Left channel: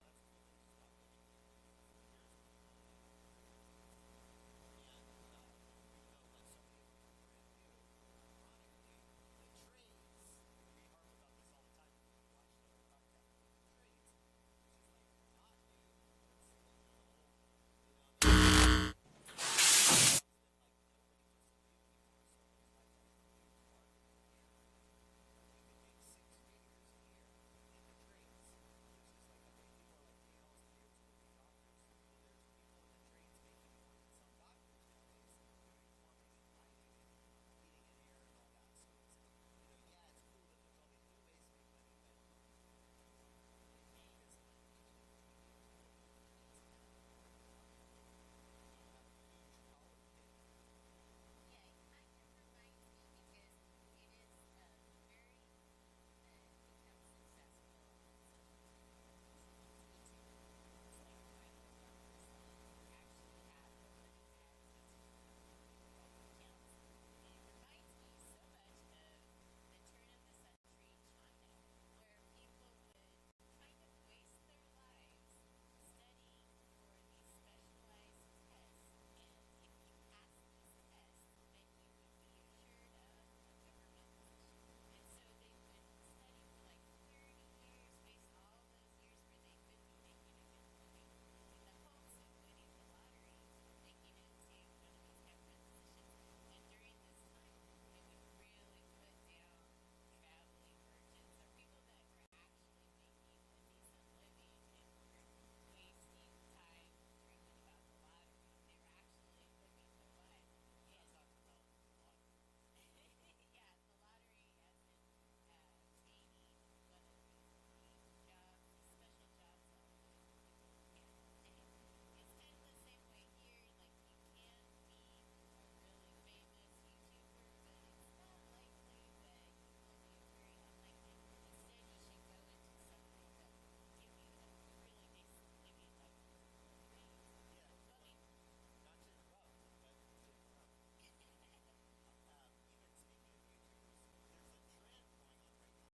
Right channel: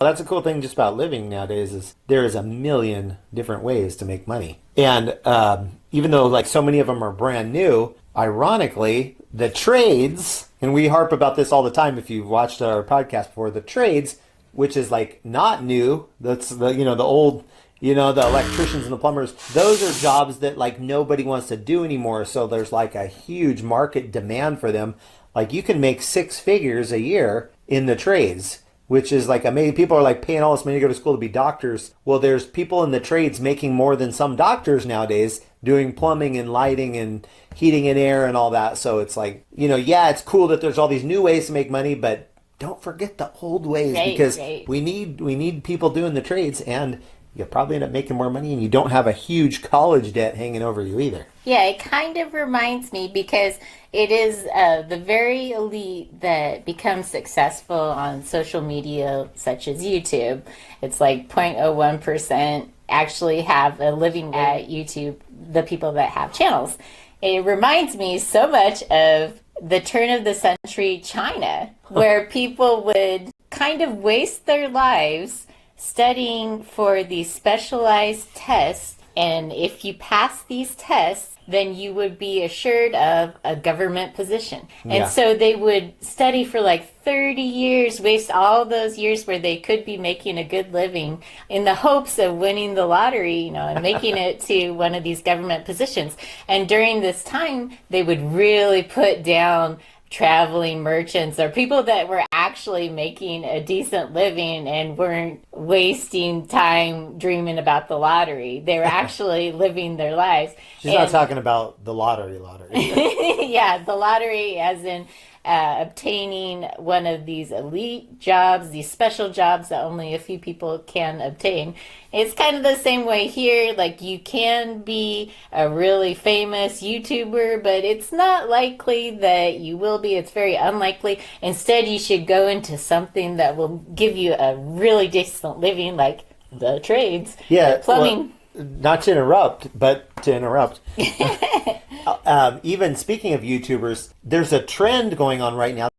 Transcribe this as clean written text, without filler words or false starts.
That's a cool thing just about living nowadays is there is a million different ways to make money. And even though like so many of them are brand new, ironically, the trades, and we harp about this all the time if you've watched our podcast before, the trades, which is like not new, that's the old, the electricians and the plumbers, those are jobs that like nobody wants to do anymore. So there's like a huge market demand for them. Like you can make six figures a year in the trades, which is like amazing. People are like paying all this money to go to school to be doctors. Well, there's people in the trades making more than some doctors nowadays doing plumbing and lighting and heating and air and all that. So it's like, yeah, it's cool that there's all these new ways to make money, but don't forget the old ways because we need people doing the trades, and you'll probably end up making more money, and you don't have a huge college debt hanging over you either. Yeah, it kind of reminds me because it is the very elite that becomes successful on social media, such as YouTube. It's like 0.01% actually have a living at YouTube, the people that have channels. It reminds me so much of the turn of the century China, where people would kind of waste their lives studying for these specialized tests. And if you pass these tests, then you would be assured of a government position. And Yeah. so they would study for like 30 years, waste all those years where they could be making a good living in the hopes of winning the lottery, and making it to one of these government positions. And during this time, they would really put down traveling merchants or people that were actually making a decent living and weren't wasting time dreaming about the lottery. They were actually living their lives. She's not talking about the lottery. Yeah, the lottery as in obtaining one of these elite jobs, these special jobs that only a few people can obtain. It's kind of the same way here. Like you can be a really famous YouTuber, but it's not likely that you will be. It's very unlikely. Instead, you should go into something that will give you a really decent living, like the trades, Yeah, plumbing. well, not to interrupt, but to interrupt. Even speaking of YouTubers, there's a trend going on right now